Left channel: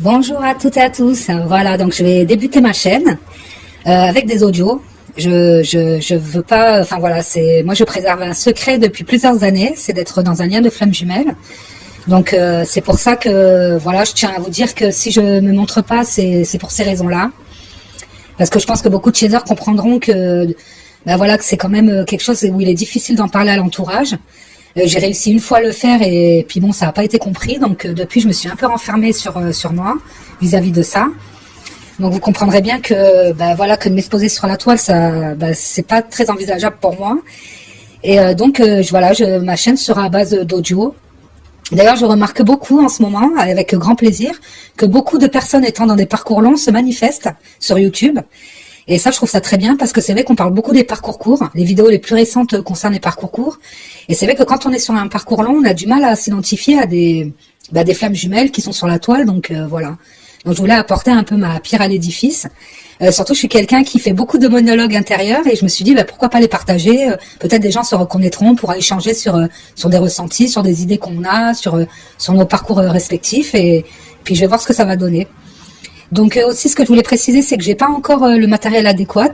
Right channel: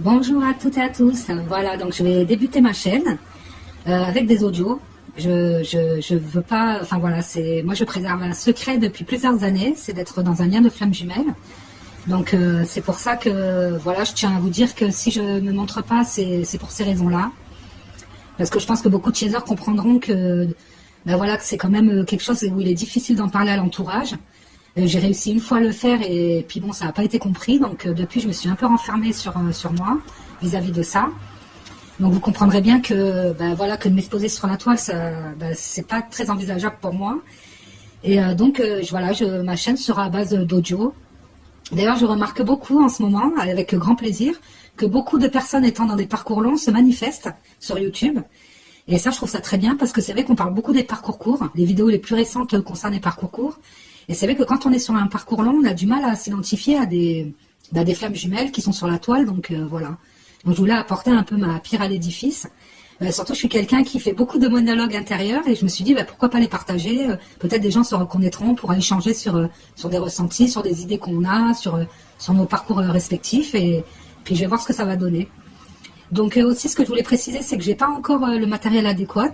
Bonjour à toutes et à tous. Voilà, donc je vais débuter ma chaîne avec des audios. Je veux pas, enfin voilà, moi je préserve un secret depuis plusieurs années, c'est d'être dans un lien de flamme jumelle. Donc c'est pour ça que voilà, je tiens à vous dire que si je me montre pas, c'est pour ces raisons-là, parce que je pense que beaucoup de shaders comprendront que voilà que c'est quand même quelque chose où il est difficile d'en parler à l'entourage. J'ai réussi une fois à le faire et puis bon, ça n'a pas été compris. Donc depuis, je me suis un peu renfermée sur moi vis-à-vis de ça. Donc vous comprendrez bien que voilà que de m'exposer sur la toile, ça c'est pas très envisageable pour moi. Et ma chaîne sera à base d'audio. D'ailleurs, je remarque beaucoup en ce moment, avec grand plaisir, que beaucoup de personnes étant dans des parcours longs se manifestent sur YouTube. Et ça, je trouve ça très bien parce que c'est vrai qu'on parle beaucoup des parcours courts. Les vidéos les plus récentes concernent les parcours courts. Et c'est vrai que quand on est sur un parcours long, on a du mal à s'identifier à des flammes jumelles qui sont sur la toile. Donc voilà. Donc je voulais apporter un peu ma pierre à l'édifice. Surtout, je suis quelqu'un qui fait beaucoup de monologues intérieurs et je me suis dit pourquoi pas les partager. Peut-être des gens se reconnaîtront, pourra échanger sur des ressentis, sur des idées qu'on a, sur nos parcours respectifs. Et puis je vais voir ce que ça va donner. Donc aussi, ce que je voulais préciser, c'est que j'ai pas encore le matériel adéquat.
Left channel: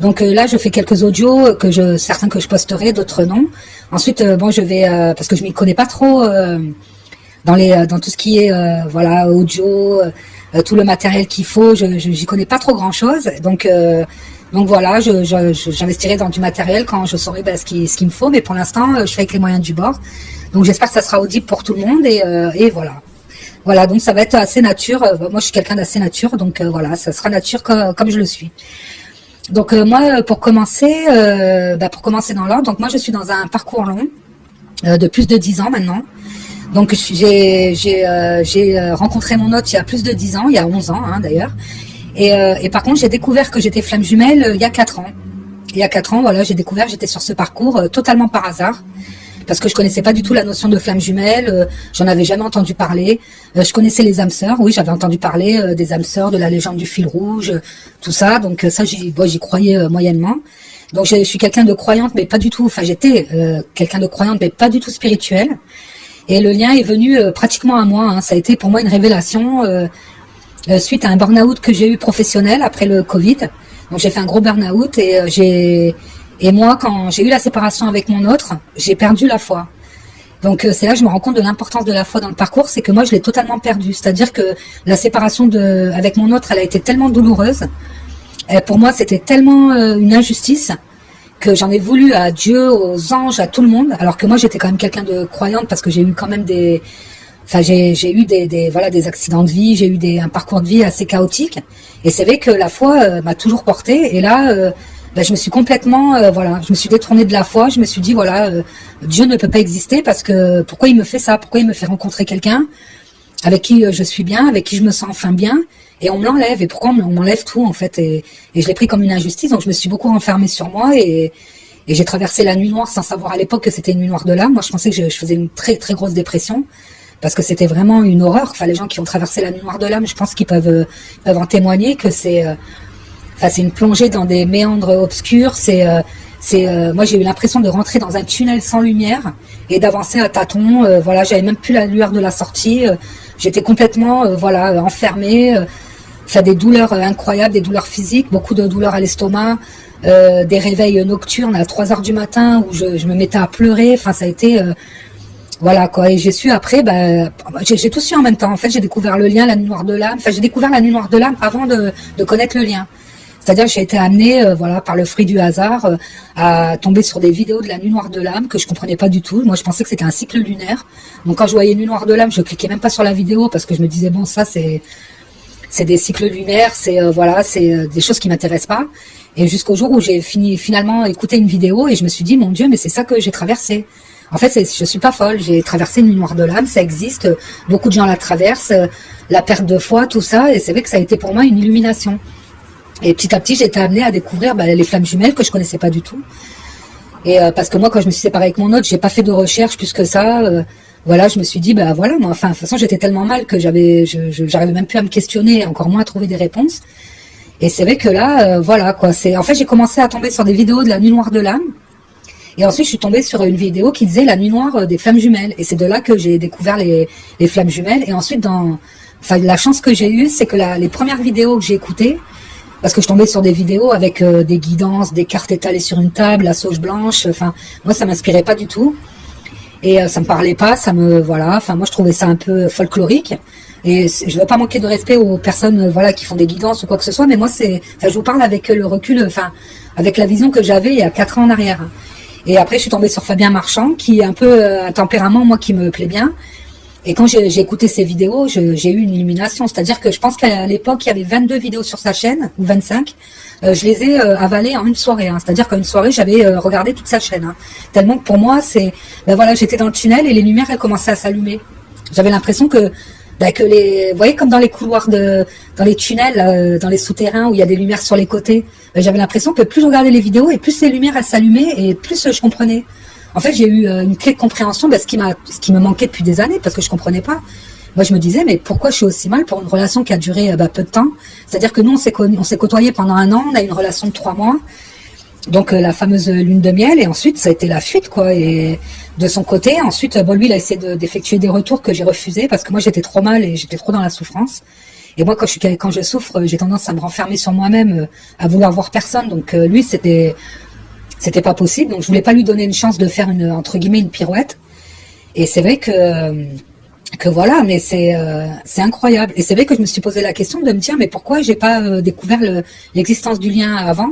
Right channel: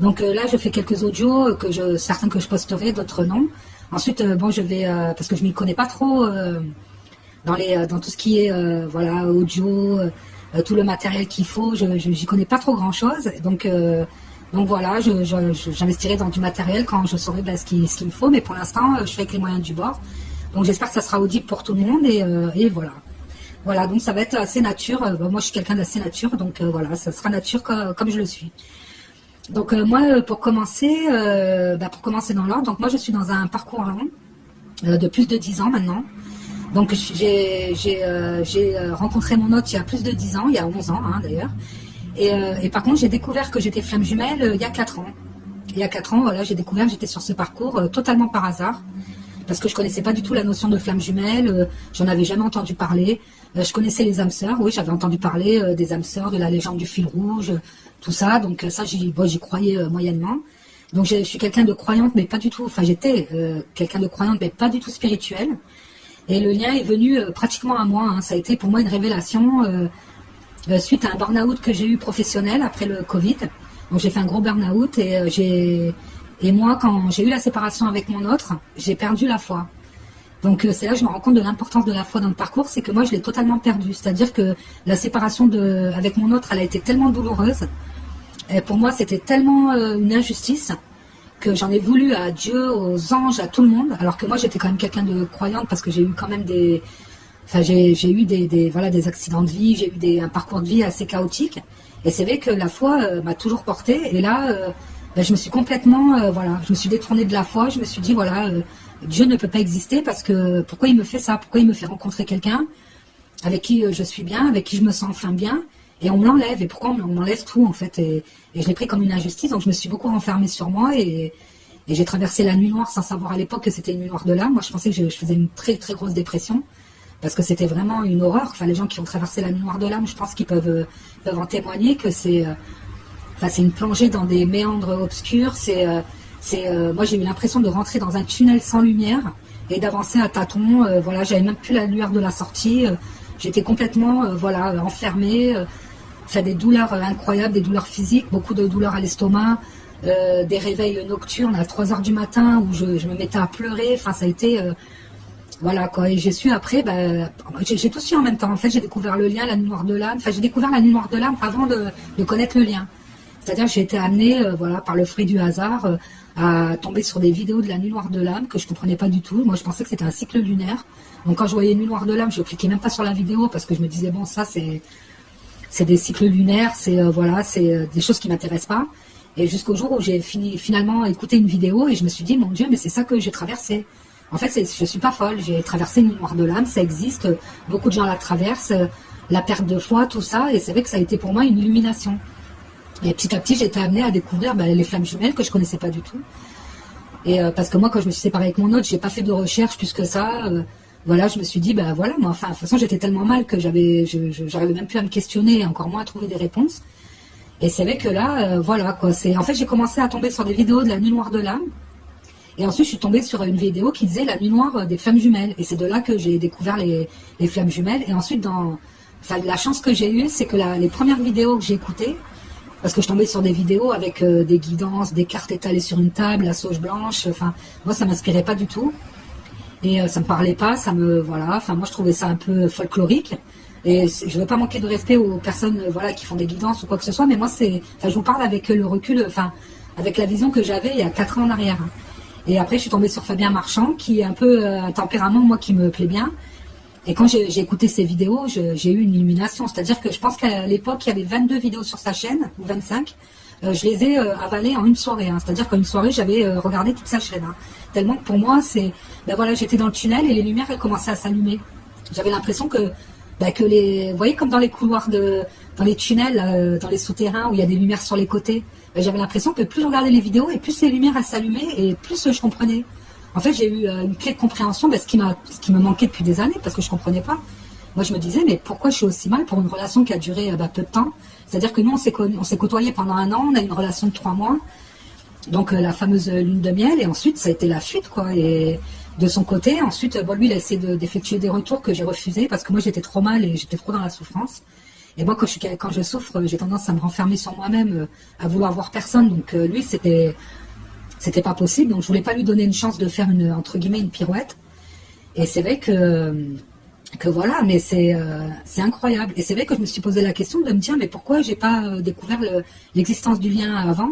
Donc là, je fais quelques audios certains que je posterai, d'autres non. Ensuite, je vais parce que je m'y connais pas trop dans tout ce qui est audio, tout le matériel qu'il faut. J'y connais pas trop grand chose. Donc voilà, j'investirai dans du matériel quand je saurai ce qu'il me faut. Mais pour l'instant, je fais avec les moyens du bord. Donc j'espère que ça sera audible pour tout le monde et voilà. Voilà, donc ça va être assez nature. Moi, je suis quelqu'un d'assez nature, donc voilà, ça sera nature comme je le suis. Donc moi, pour commencer dans l'ordre, donc moi je suis dans un parcours long de plus de 10 ans maintenant. Donc j'ai rencontré mon hôte il y a plus de 10 ans, il y a 11 ans d'ailleurs. Et par contre, j'ai découvert que j'étais flamme jumelle il y a 4 ans. Il y a 4 ans, voilà, j'étais sur ce parcours totalement par hasard. Parce que je connaissais pas du tout la notion de flamme jumelle, j'en avais jamais entendu parler. Je connaissais les âmes sœurs, oui, j'avais entendu parler des âmes sœurs, de la légende du fil rouge, tout ça. Donc ça, j'y croyais moyennement. Donc je suis quelqu'un de croyante, mais pas du tout. Enfin, j'étais quelqu'un de croyante, mais pas du tout spirituel. Et le lien est venu pratiquement à moi. Ça a été pour moi une révélation suite à un burn-out que j'ai eu professionnel après le Covid. Donc j'ai fait un gros burn-out et moi, quand j'ai eu la séparation avec mon autre, j'ai perdu la foi. Donc c'est là que je me rends compte de l'importance de la foi dans le parcours, c'est que moi je l'ai totalement perdue. C'est-à-dire que la séparation avec mon autre, elle a été tellement douloureuse. Pour moi, c'était tellement une injustice que j'en ai voulu à Dieu, aux anges, à tout le monde. Alors que moi, j'étais quand même quelqu'un de croyante parce que j'ai eu quand même j'ai eu des accidents de vie, j'ai eu un parcours de vie assez chaotique. Et c'est vrai que la foi m'a toujours portée. Et là, je me suis complètement, je me suis détournée de la foi. Je me suis dit, Dieu ne peut pas exister parce que pourquoi il me fait ça? Pourquoi il me fait rencontrer quelqu'un avec qui je suis bien, avec qui je me sens enfin bien, et on me l'enlève? Et pourquoi on m'enlève tout en fait? Et je l'ai pris comme une injustice. Donc je me suis beaucoup renfermée sur moi et j'ai traversé la nuit noire sans savoir à l'époque que c'était une nuit noire de l'âme. Moi, je pensais que je faisais une très très grosse dépression parce que c'était vraiment une horreur. Enfin, les gens qui ont traversé la nuit noire de l'âme, je pense qu'ils peuvent en témoigner que c'est une plongée dans des méandres obscurs. Moi, j'ai eu l'impression de rentrer dans un tunnel sans lumière et d'avancer à tâtons. J'avais même plus la lueur de la sortie. J'étais complètement, enfermée. Des douleurs incroyables, des douleurs physiques, beaucoup de douleurs à l'estomac, des réveils nocturnes à 3 heures du matin où je me mettais à pleurer. Enfin, ça a été, Et j'ai su après, j'ai tout su en même temps. En fait, j'ai découvert le lien, la nuit noire de l'âme. Enfin, j'ai découvert la nuit noire de l'âme avant de connaître le lien. C'est-à-dire que j'ai été amenée, par le fruit du hasard, à tomber sur des vidéos de la nuit noire de l'âme que je comprenais pas du tout. Moi, je pensais que c'était un cycle lunaire. Donc, quand je voyais nuit noire de l'âme, je cliquais même pas sur la vidéo parce que je me disais bon, ça c'est des cycles lunaires, c'est des choses qui m'intéressent pas. Et jusqu'au jour où j'ai finalement écouté une vidéo et je me suis dit mon Dieu, mais c'est ça que j'ai traversé. En fait, je suis pas folle. J'ai traversé une nuit noire de l'âme, ça existe. Beaucoup de gens la traversent, la perte de foi, tout ça. Et c'est vrai que ça a été pour moi une illumination. Et petit à petit, j'ai été amenée à découvrir les flammes jumelles que je connaissais pas du tout. Et parce que moi, quand je me suis séparée avec mon autre, j'ai pas fait de recherche plus que ça. Je me suis dit, moi, de toute façon, j'étais tellement mal que j'arrivais même plus à me questionner, encore moins à trouver des réponses. Et c'est vrai que là, en fait, j'ai commencé à tomber sur des vidéos de la nuit noire de l'âme. Et ensuite, je suis tombée sur une vidéo qui disait la nuit noire des flammes jumelles. Et c'est de là que j'ai découvert les flammes jumelles. Et ensuite, dans enfin, la chance que j'ai eue, c'est que les premières vidéos que j'ai écoutées, parce que je tombais sur des vidéos avec des guidances, des cartes étalées sur une table, la sauge blanche, enfin, moi, ça m'inspirait pas du tout. Et ça me parlait pas, voilà, enfin, moi, je trouvais ça un peu folklorique. Et je veux pas manquer de respect aux personnes, voilà, qui font des guidances ou quoi que ce soit, mais moi, enfin, je vous parle avec le recul, enfin, avec la vision que j'avais il y a 4 ans en arrière. Et après, je suis tombée sur Fabien Marchand, qui est un peu un tempérament, moi, qui me plaît bien. Et quand j'ai écouté ses vidéos, j'ai eu une illumination. C'est-à-dire que je pense qu'à l'époque, il y avait 22 vidéos sur sa chaîne, ou 25. Je les ai avalées en une soirée. C'est-à-dire qu'en une soirée, j'avais regardé toute sa chaîne. Tellement que pour moi, ben voilà, j'étais dans le tunnel et les lumières, elles commençaient à s'allumer. J'avais l'impression que vous voyez, comme dans les couloirs dans les tunnels, dans les souterrains où il y a des lumières sur les côtés, j'avais l'impression que plus je regardais les vidéos et plus les lumières elles s'allumaient et plus je comprenais. En fait, j'ai eu une clé de compréhension, ce qui me manquait depuis des années parce que je comprenais pas. Moi, je me disais, mais pourquoi je suis aussi mal pour une relation qui a duré peu de temps? C'est-à-dire que nous, on s'est côtoyés pendant 1 an, on a eu une relation de 3 mois. Donc la fameuse lune de miel, et ensuite ça a été la fuite, quoi. Et de son côté, ensuite, lui, il a essayé d'effectuer des retours que j'ai refusés parce que moi j'étais trop mal et j'étais trop dans la souffrance. Et moi, quand je souffre, j'ai tendance à me renfermer sur moi-même, à vouloir voir personne. Donc lui, c'était pas possible. Donc je voulais pas lui donner une chance de faire entre guillemets une pirouette. Et c'est vrai que voilà, mais c'est incroyable. Et c'est vrai que je me suis posé la question de me dire, mais pourquoi j'ai pas découvert l'existence du lien avant?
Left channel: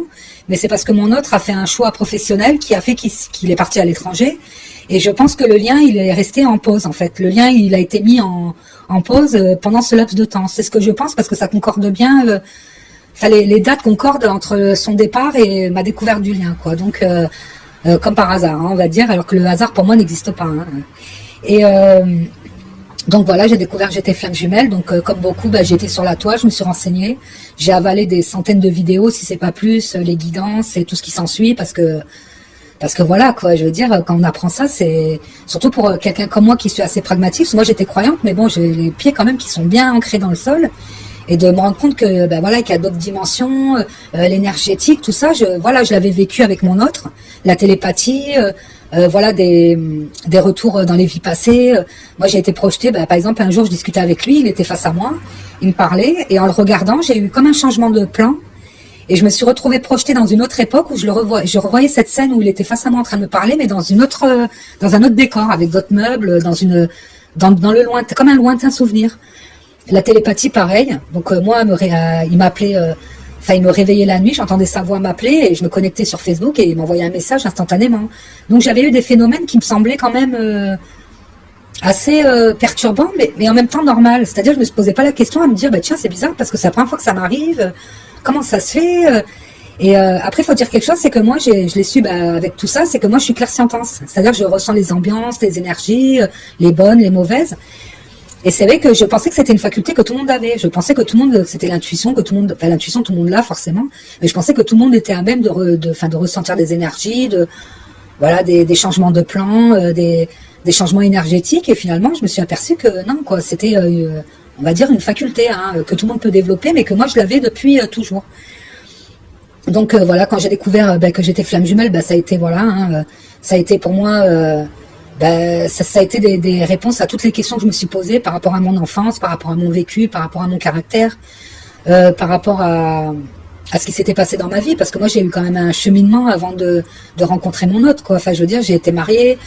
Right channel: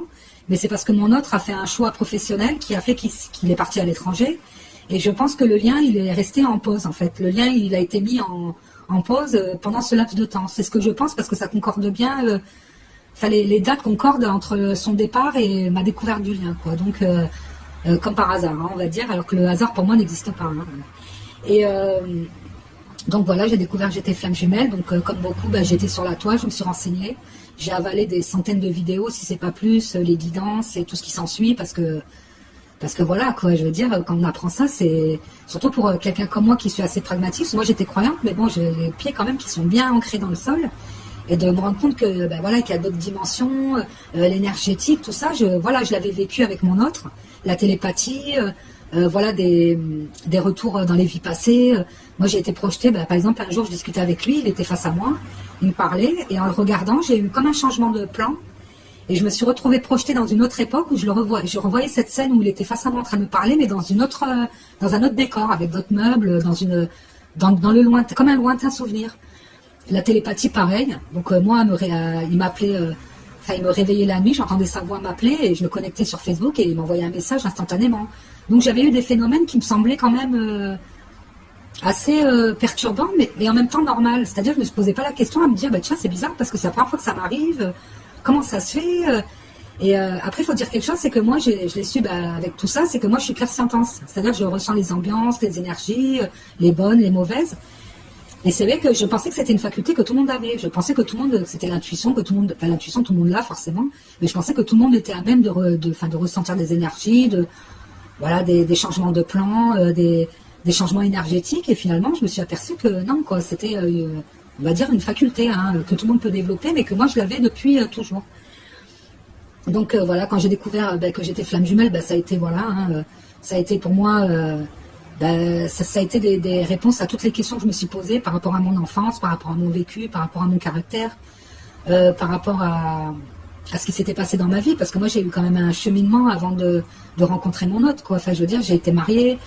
Mais c'est parce que mon autre a fait un choix professionnel qui a fait qu'il est parti à l'étranger. Et je pense que le lien, il est resté en pause, en fait. Le lien, il a été mis en pause pendant ce laps de temps. C'est ce que je pense parce que ça concorde bien. Enfin, les dates concordent entre son départ et ma découverte du lien, quoi. Donc, comme par hasard, on va dire, alors que le hasard pour moi n'existe pas. Et donc voilà, j'ai découvert que j'étais flamme jumelle. Donc comme beaucoup, j'étais sur la toile, je me suis renseignée, j'ai avalé des centaines de vidéos, si c'est pas plus, les guidances et tout ce qui s'ensuit, parce que voilà, quoi, je veux dire, quand on apprend ça, c'est surtout pour quelqu'un comme moi qui suis assez pragmatique. Parce que moi j'étais croyante, mais bon, j'ai les pieds quand même qui sont bien ancrés dans le sol. Et de me rendre compte que voilà, qu'il y a d'autres dimensions, l'énergétique, tout ça, je l'avais vécu avec mon autre, la télépathie, voilà des retours dans les vies passées. Moi j'ai été projetée, par exemple un jour je discutais avec lui, il était face à moi, il me parlait et en le regardant j'ai eu comme un changement de plan et je me suis retrouvée projetée dans une autre époque où je revoyais cette scène où il était face à moi en train de me parler, mais dans un autre décor avec d'autres meubles, dans le lointain, comme un lointain souvenir. La télépathie, pareil. Donc moi, il m'appelait, il me réveillait la nuit, j'entendais sa voix m'appeler et je me connectais sur Facebook et il m'envoyait un message instantanément. Donc j'avais eu des phénomènes qui me semblaient quand même assez perturbants, mais en même temps normal. C'est-à-dire, je me posais pas la question à me dire, tiens, c'est bizarre parce que c'est la première fois que ça m'arrive. Comment ça se fait Et après, il faut dire quelque chose, c'est que moi, je l'ai su avec tout ça, c'est que moi, je suis clairsentence. C'est-à-dire, je ressens les ambiances, les énergies, les bonnes, les mauvaises. Et c'est vrai que je pensais que c'était une faculté que tout le monde avait. Je pensais que tout le monde, c'était l'intuition, l'intuition, tout le monde l'a forcément. Mais je pensais que tout le monde était à même de ressentir des énergies, voilà, des changements de plan, des changements énergétiques. Et finalement, je me suis aperçue que non, quoi, c'était, on va dire, une faculté que tout le monde peut développer, mais que moi, je l'avais depuis toujours. Donc voilà, quand j'ai découvert que j'étais flamme jumelle, ça a été ça a été pour moi. Ça a été des réponses à toutes les questions que je me suis posées par rapport à mon enfance, par rapport à mon vécu, par rapport à mon caractère, par rapport à ce qui s'était passé dans ma vie, parce que moi j'ai eu quand même un cheminement avant de rencontrer mon autre, quoi. Enfin, je veux dire, j'ai été mariée,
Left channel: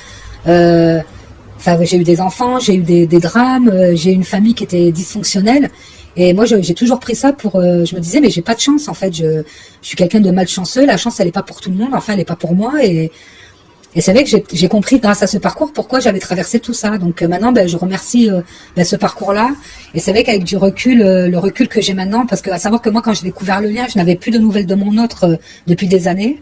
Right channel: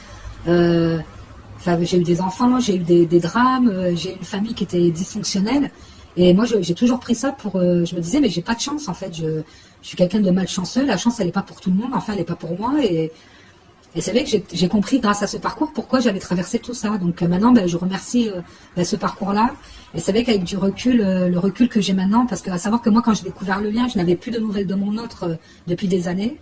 j'ai eu des enfants, j'ai eu des drames, j'ai eu une famille qui était dysfonctionnelle, et moi j'ai toujours pris ça pour, je me disais mais j'ai pas de chance en fait, je suis quelqu'un de malchanceux, la chance elle est pas pour tout le monde, enfin elle est pas pour moi, et c'est vrai que j'ai compris grâce à ce parcours pourquoi j'avais traversé tout ça. Donc maintenant, je remercie ce parcours-là. Et c'est vrai qu'avec du recul, le recul que j'ai maintenant, parce que à savoir que moi, quand j'ai découvert le lien, je n'avais plus de nouvelles de mon autre depuis des années.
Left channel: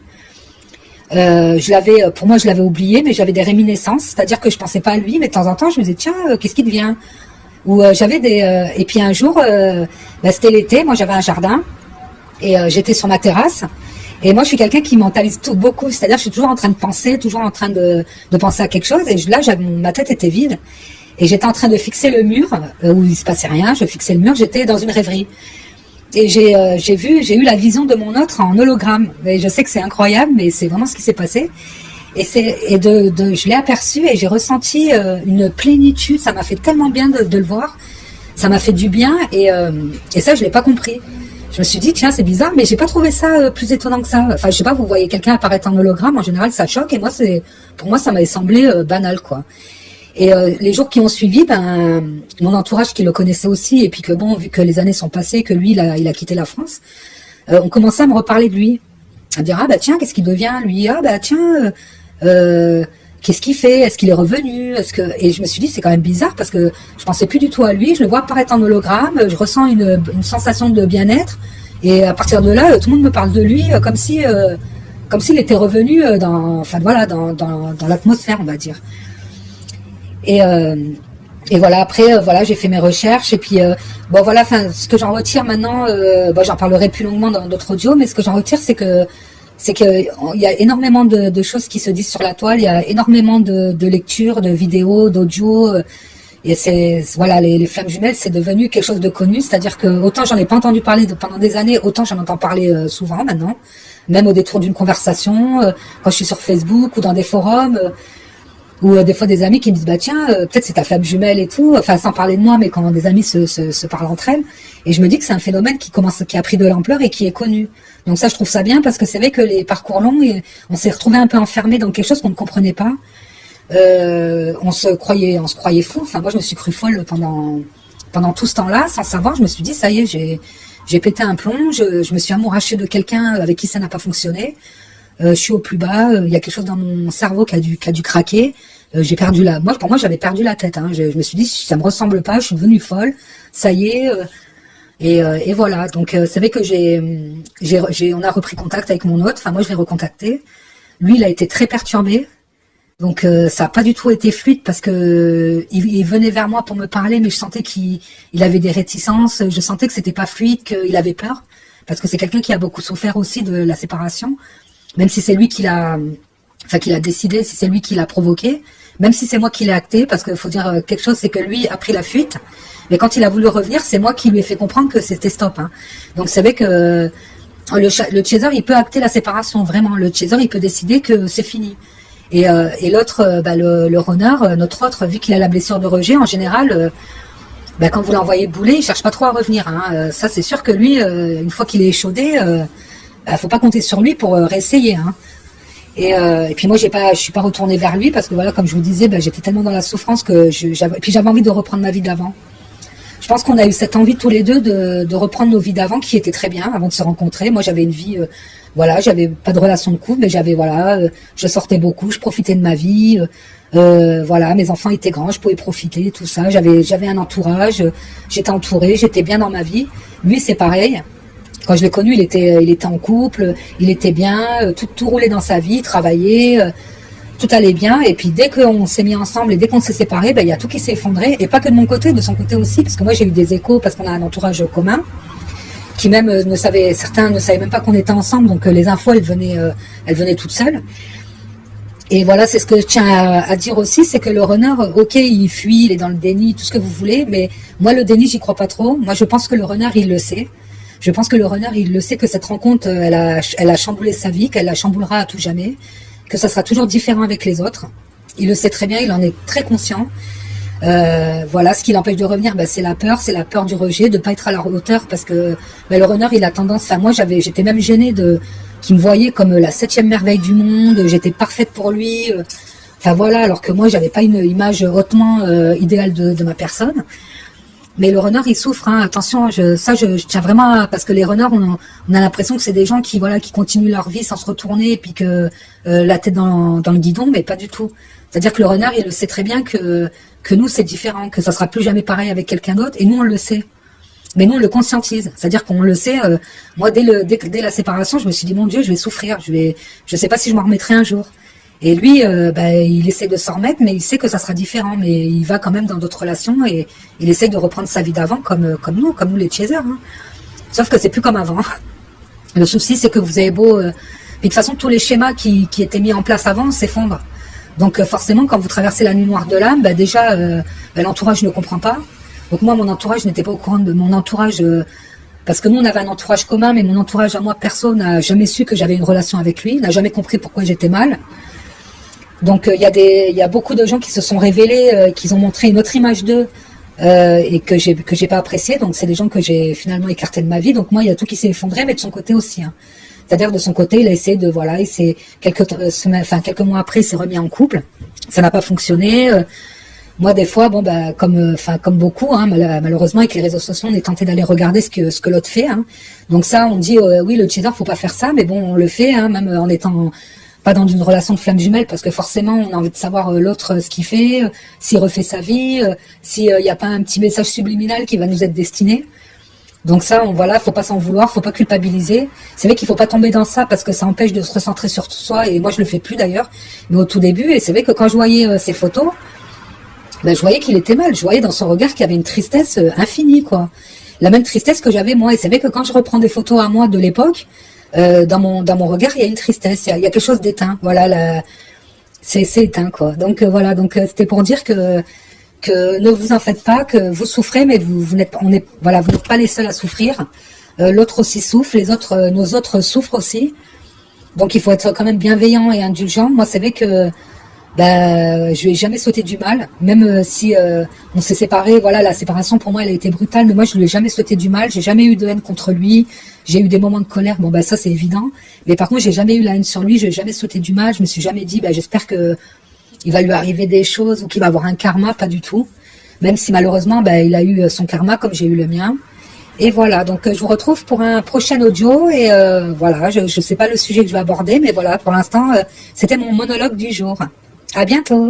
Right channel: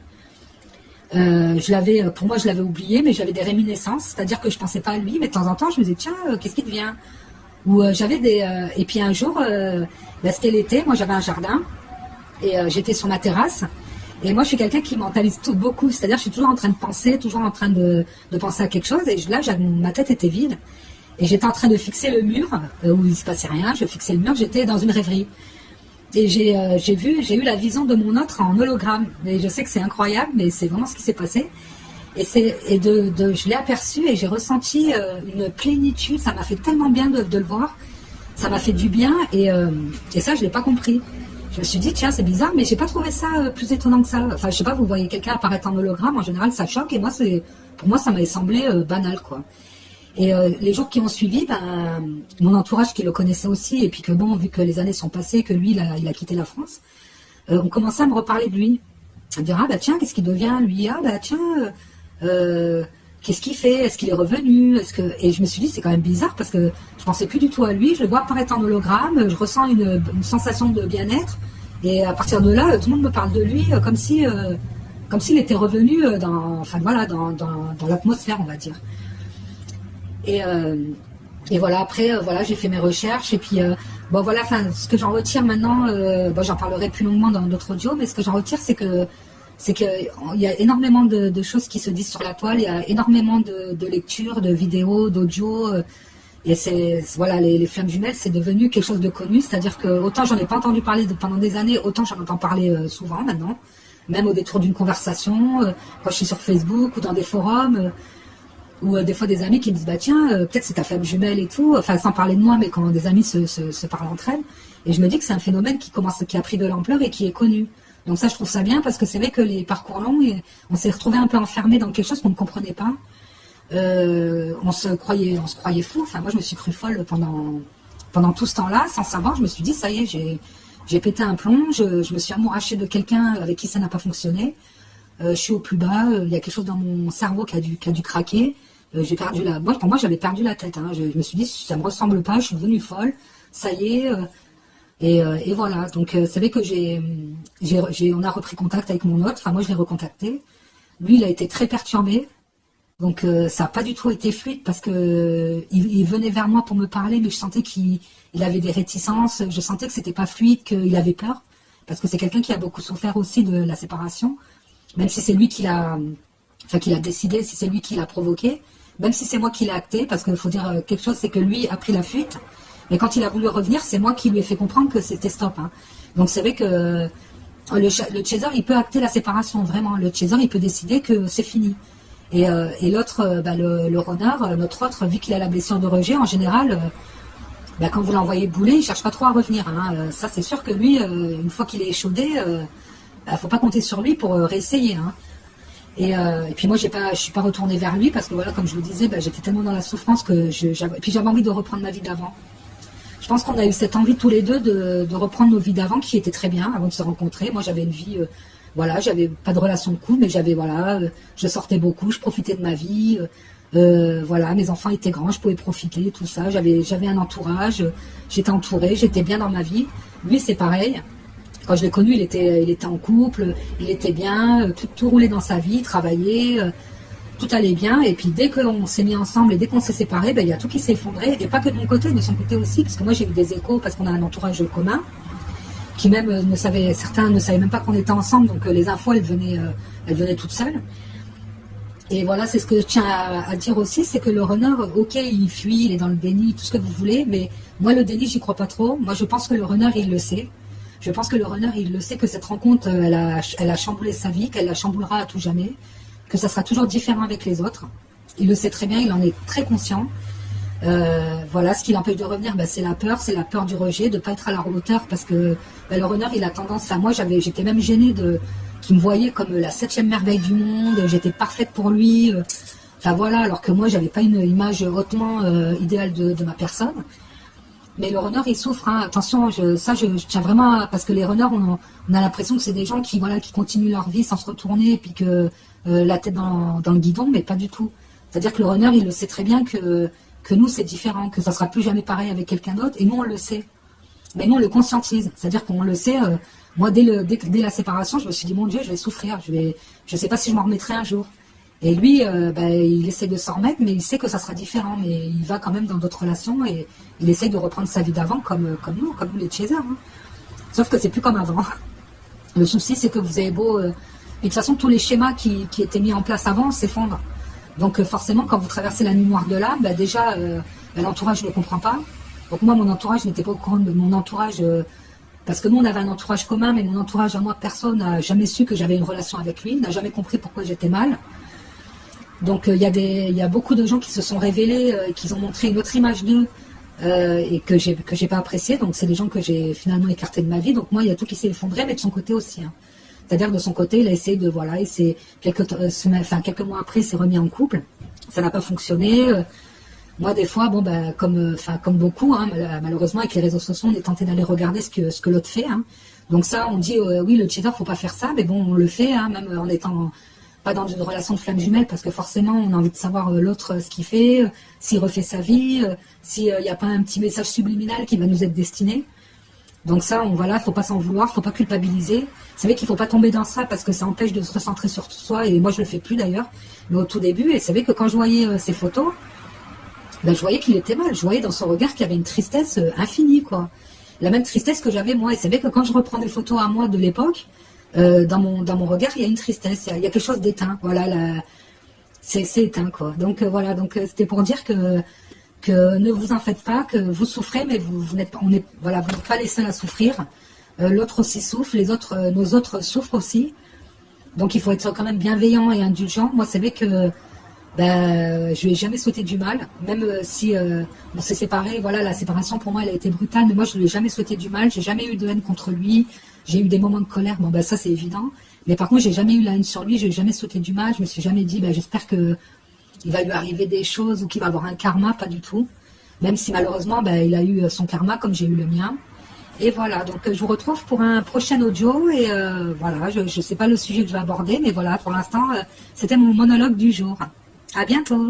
Pour moi, je l'avais oublié, mais j'avais des réminiscences, c'est-à-dire que je pensais pas à lui, mais de temps en temps, je me disais tiens, qu'est-ce qui devient? Ou j'avais et puis un jour, c'était l'été, moi j'avais un jardin et j'étais sur ma terrasse. Et moi, je suis quelqu'un qui mentalise tout beaucoup. C'est-à-dire, je suis toujours en train de penser, toujours en train de penser à quelque chose. Et là, ma tête était vide. Et j'étais en train de fixer le mur, où il se passait rien. Je fixais le mur, j'étais dans une rêverie. Et j'ai eu la vision de mon autre en hologramme. Et je sais que c'est incroyable, mais c'est vraiment ce qui s'est passé. Et je l'ai aperçu et j'ai ressenti une plénitude. Ça m'a fait tellement bien de le voir. ça m'a fait du bien et ça je l'ai pas compris. Je me suis dit tiens c'est bizarre mais j'ai pas trouvé ça plus étonnant que ça. Enfin je sais pas, vous voyez quelqu'un apparaître en hologramme en général ça choque et moi pour moi ça m'avait semblé banal quoi. Et les jours qui ont suivi, mon entourage qui le connaissait aussi et puis que bon vu que les années sont passées que lui il a quitté la France, on commençait à me reparler de lui, à dire ah bah tiens qu'est-ce qu'il devient lui, ah bah tiens qu'est-ce qu'il fait, est-ce qu'il est revenu, et je me suis dit c'est quand même bizarre parce que je pensais plus du tout à lui, je le vois apparaître en hologramme, je ressens une sensation de bien-être et à partir de là tout le monde me parle de lui comme s'il était revenu dans l'atmosphère on va dire. Et voilà après voilà j'ai fait mes recherches et puis bon voilà ce que j'en retire maintenant j'en parlerai plus longuement dans d'autres audios mais ce que j'en retire c'est que il y a énormément de choses qui se disent sur la toile, il y a énormément de lectures, de vidéos, d'audio et voilà les flammes jumelles c'est devenu quelque chose de connu, c'est-à-dire que autant j'en ai pas entendu parler pendant des années, autant j'en entends parler souvent maintenant, même au détour d'une conversation quand je suis sur Facebook ou dans des forums ou des fois des amis qui me disent bah tiens peut-être c'est ta flamme jumelle et tout, enfin sans parler de moi mais quand des amis se parlent entre elles et je me dis que c'est un phénomène qui a pris de l'ampleur et qui est connu. Donc ça je trouve ça bien parce que c'est vrai que les parcours longs on s'est retrouvé un peu enfermé dans quelque chose qu'on ne comprenait pas. On se croyait fou, enfin moi je me suis cru folle pendant tout ce temps-là sans savoir, je me suis dit ça y est j'ai pété un plomb, je me suis amourachée de quelqu'un avec qui ça n'a pas fonctionné. Je suis au plus bas, il y a quelque chose dans mon cerveau qui a dû craquer. J'ai perdu pour moi j'avais perdu la tête. Hein. Je me suis dit ça me ressemble pas, je suis devenue folle. Ça y est. Et voilà. Donc c'est vrai que on a repris contact avec mon hôte. Enfin moi je l'ai recontacté. Lui il a été très perturbé. Donc ça a pas du tout été fluide parce que il venait vers moi pour me parler, mais je sentais qu'il avait des réticences. Je sentais que c'était pas fluide, qu'il avait peur parce que c'est quelqu'un qui a beaucoup souffert aussi de la séparation. Même si c'est lui qui l'a décidé, si c'est lui qui l'a provoqué, même si c'est moi qui l'ai acté, parce qu'il faut dire quelque chose, c'est que lui a pris la fuite, mais quand il a voulu revenir, c'est moi qui lui ai fait comprendre que c'était stop. Hein. Donc c'est vrai que le chaser, il peut acter la séparation, vraiment. Le chaser, il peut décider que c'est fini. Et l'autre, le runner, notre autre, vu qu'il a la blessure de rejet, en général, quand vous l'envoyez bouler, il cherche pas trop à revenir. Hein. Ça, c'est sûr que lui, une fois qu'il est échaudé, faut pas compter sur lui pour réessayer. Hein. Et puis moi, je suis pas retournée vers lui parce que voilà, comme je vous disais, j'étais tellement dans la souffrance que j'avais envie de reprendre ma vie d'avant. Je pense qu'on a eu cette envie tous les deux de reprendre nos vies d'avant qui étaient très bien avant de se rencontrer. Moi, j'avais une vie, j'avais pas de relation de couple, mais je sortais beaucoup, je profitais de ma vie. Mes enfants étaient grands, je pouvais profiter, tout ça. J'avais un entourage, j'étais entourée, j'étais bien dans ma vie. Lui, c'est pareil. Quand je l'ai connu, il était en couple, il était bien, tout roulait dans sa vie, il travaillait, tout allait bien. Et puis dès qu'on s'est mis ensemble et dès qu'on s'est séparés, il y a tout qui s'est effondré. Et pas que de mon côté, de son côté aussi, parce que moi j'ai eu des échos parce qu'on a un entourage commun qui même certains ne savaient même pas qu'on était ensemble, donc les infos elles venaient toutes seules. Et voilà, c'est ce que je tiens à dire aussi, c'est que le runner, ok, il fuit, il est dans le déni, tout ce que vous voulez, mais moi le déni, j'y crois pas trop. Moi je pense que le runner, il le sait. Je pense que le runner, il le sait que cette rencontre, elle a chamboulé sa vie, qu'elle la chamboulera à tout jamais, que ça sera toujours différent avec les autres. Il le sait très bien, il en est très conscient. Ce qui l'empêche de revenir, c'est la peur du rejet, de pas être à la hauteur, parce que le runner, il a tendance à moi, j'étais même gênée qu'il me voyait comme la 7e merveille du monde, j'étais parfaite pour lui. Alors que moi, j'avais pas une image hautement idéale de ma personne. Mais le runner, il souffre, hein. Attention, je tiens vraiment parce que les runners, on a l'impression que c'est des gens qui continuent leur vie sans se retourner et puis que la tête dans le guidon, mais pas du tout. C'est-à-dire que le runner, il le sait très bien que nous, c'est différent, que ça sera plus jamais pareil avec quelqu'un d'autre, et nous, on le sait. Mais nous, on le conscientise. C'est-à-dire qu'on le sait, moi, dès la séparation, je me suis dit, mon Dieu, je vais souffrir, je sais pas si je m'en remettrai un jour. Et lui, il essaie de s'en remettre, mais il sait que ça sera différent. Mais il va quand même dans d'autres relations et il essaie de reprendre sa vie d'avant comme nous les chasers. Hein. Sauf que c'est plus comme avant. Le souci, c'est que vous avez beau... de toute façon, tous les schémas qui étaient mis en place avant s'effondrent. Donc forcément, quand vous traversez la nuit noire de l'âme, déjà, l'entourage ne comprend pas. Donc moi, mon entourage n'était pas au courant de mon entourage... parce que nous, on avait un entourage commun, mais mon entourage à moi, personne n'a jamais su que j'avais une relation avec lui, n'a jamais compris pourquoi j'étais mal. Donc il y a beaucoup de gens qui se sont révélés, qui ont montré une autre image d'eux et que j'ai pas apprécié. Donc c'est des gens que j'ai finalement écartés de ma vie. Donc moi, il y a tout qui s'est effondré, mais de son côté aussi. Hein. C'est-à-dire de son côté, il a essayé de voilà, il s'est quelques mois après, il s'est remis en couple. Ça n'a pas fonctionné. Moi, des fois, bon, bah, comme beaucoup, hein, malheureusement, avec les réseaux sociaux, on est tenté d'aller regarder ce que l'autre fait. Hein. Donc ça, on dit, oui, le cheater, faut pas faire ça, mais bon, on le fait, hein, même en étant pas dans une relation de flamme jumelle, parce que forcément, on a envie de savoir l'autre ce qu'il fait, s'il refait sa vie, s'il n'y a pas un petit message subliminal qui va nous être destiné. Donc ça, voilà, faut pas s'en vouloir, faut pas culpabiliser. C'est vrai qu'il faut pas tomber dans ça parce que ça empêche de se recentrer sur soi. Et moi, je le fais plus d'ailleurs, mais au tout début. Et c'est vrai que quand je voyais ces photos, ben, je voyais qu'il était mal. Je voyais dans son regard qu'il y avait une tristesse infinie, quoi. La même tristesse que j'avais moi. Et c'est vrai que quand je reprends des photos à moi de l'époque, dans mon regard, il y a une tristesse. Il y a quelque chose d'éteint. Voilà, c'est éteint, quoi. Donc voilà. Donc c'était pour dire que ne vous en faites pas, que vous souffrez, mais vous n'êtes pas les seuls à souffrir. L'autre aussi souffre, nos autres souffrent aussi. Donc il faut être quand même bienveillant et indulgent. Moi, c'est vrai que je lui ai jamais souhaité du mal, même si on s'est séparés. Voilà, la séparation pour moi, elle a été brutale, mais moi, je lui ai jamais souhaité du mal. J'ai jamais eu de haine contre lui. J'ai eu des moments de colère. Bon, ça, c'est évident. Mais par contre, j'ai jamais eu la haine sur lui. Je lui ai jamais souhaité du mal. Je me suis jamais dit, j'espère que il va lui arriver des choses ou qu'il va avoir un karma, pas du tout. Même si malheureusement, il a eu son karma comme j'ai eu le mien. Et voilà, donc je vous retrouve pour un prochain audio. Et voilà, je ne sais pas le sujet que je vais aborder, mais voilà, pour l'instant, c'était mon monologue du jour. À bientôt.